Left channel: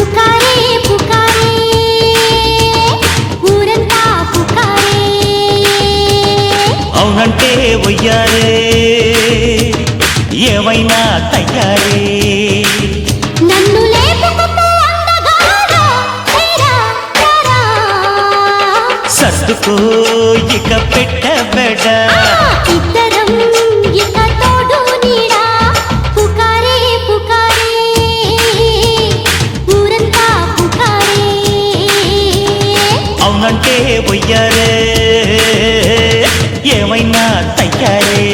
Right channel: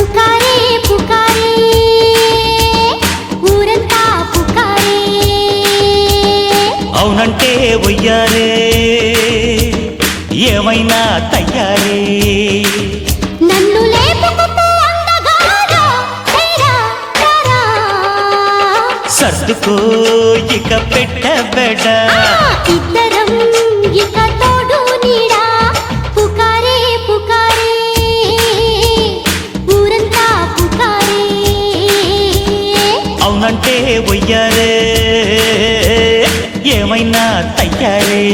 పుకారే పుకారే ఊరంతా పుకారే అవునంటే వయ్యారే ఏమైనా తయ్యారే నన్ను లేపుకుపో అందగాడా హేరా రారా సర్దుకో ఇక పెట్టబెడ ఇద్దరం ఇక తోడు నీడా పుకారే పుకారే ఊరంతా పుకారే అవునంటే వయ్యారే ఏమైనా తయ్యారే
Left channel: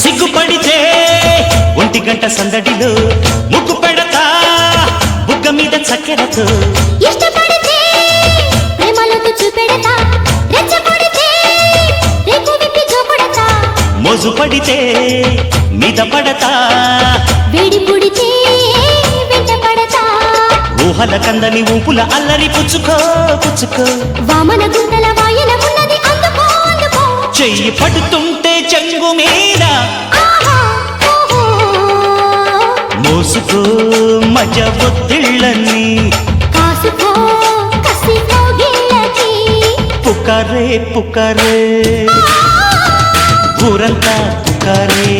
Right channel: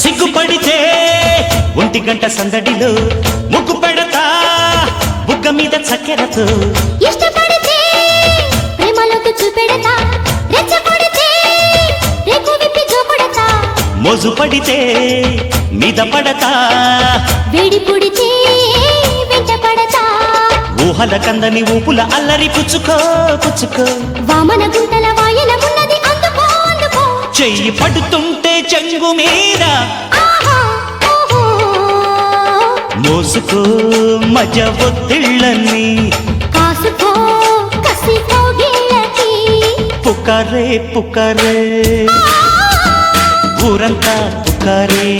సిగ్గుపడితే 1 గంట సందడిలో ముగ్గు పెడతా బుగ్గ మీద చక్కెరతో ఇష్టపడితే ప్రేమలోకి చూపెడతా రెచ్చగొడితే రేకు విప్పి జోకొడతా మోజు పడితే మీద పడతా వేడి పుడితే వెంట పడతా ఊహల కందని ఊపుల అల్లరి పుచ్చుకో పుచ్చుకో వామన గుంటల వాయన ఉన్నది అందుకో అందుకో చెయ్యి పడుతుంటే చెంగు మీద ఆహా ఓహో మోసుకో మజ ఒత్తిళ్ళని కాసుకో కసి కౌగిళ్ళకి పుకారే పుకారే ఊరంతా పుకారే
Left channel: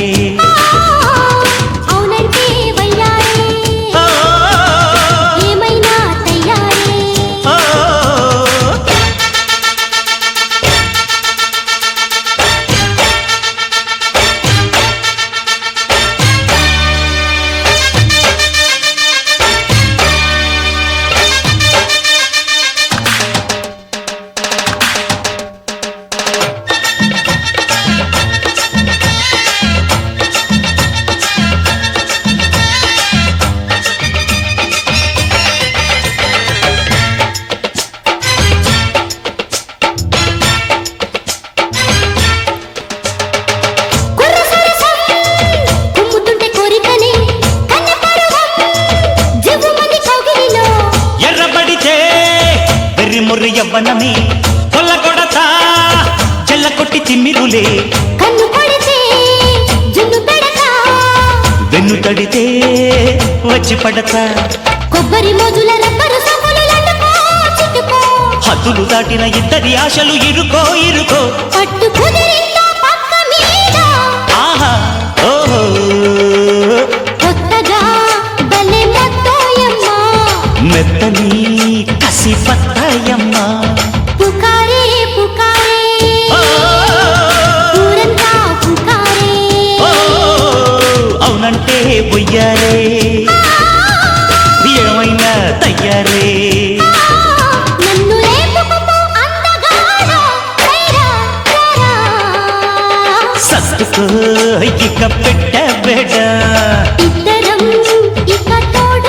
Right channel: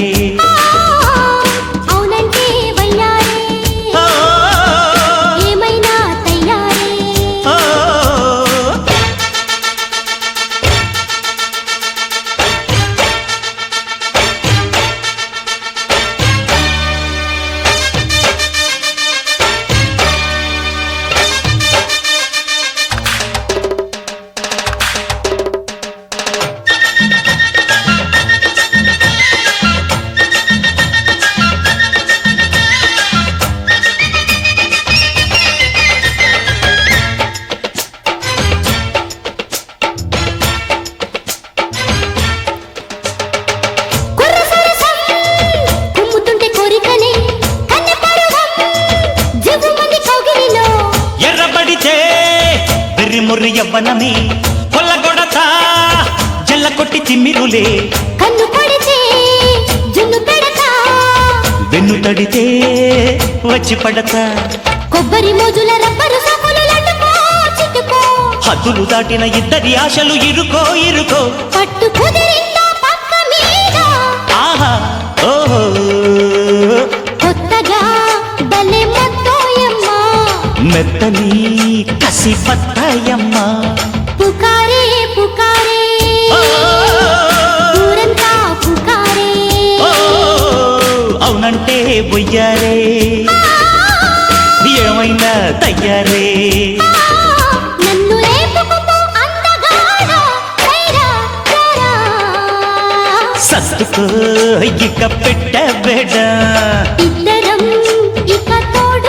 అవునంటే వయ్యారే ఆ, ఏమైనా తయ్యారే ఆ, కుర్ర సరసం కుమ్ముతుంటే కోరికనే కన్నె పరువం జివ్వు మంది కౌగిలిలో ఎర్రబడితే వెర్రి ముర్రి యవ్వనమే కొల్లగొడతా జల్ల కొట్టి తిమ్మిరులే కన్ను పడితే జున్ను పెడతా వెన్ను తడితే వచ్చి పడతా కొబ్బరి మోజుల రబ్బరు సోకులు లడ్డుకో చుట్టుకో హద్దులు దాటిన ఇద్దరి ఆశలు ఇరుకో ఇరుకో పట్టు కుదిరిందా పక్క మీద ఆహా ఓహో కొత్తగా భలే మత్తోయమ్మ మెత్తని కసి బత్తాయమ్మ పుకారే పుకారే ఓ, ఊరంతా పుకారే ఓ, అవునంటే బొయ్యారే ఏమైనా తయ్యారే నన్ను లేపుకుపో అందగాడా సైరా రారా సర్దుకో ఇక పెట్టబెడ ఇద్దరం ఇక తోడు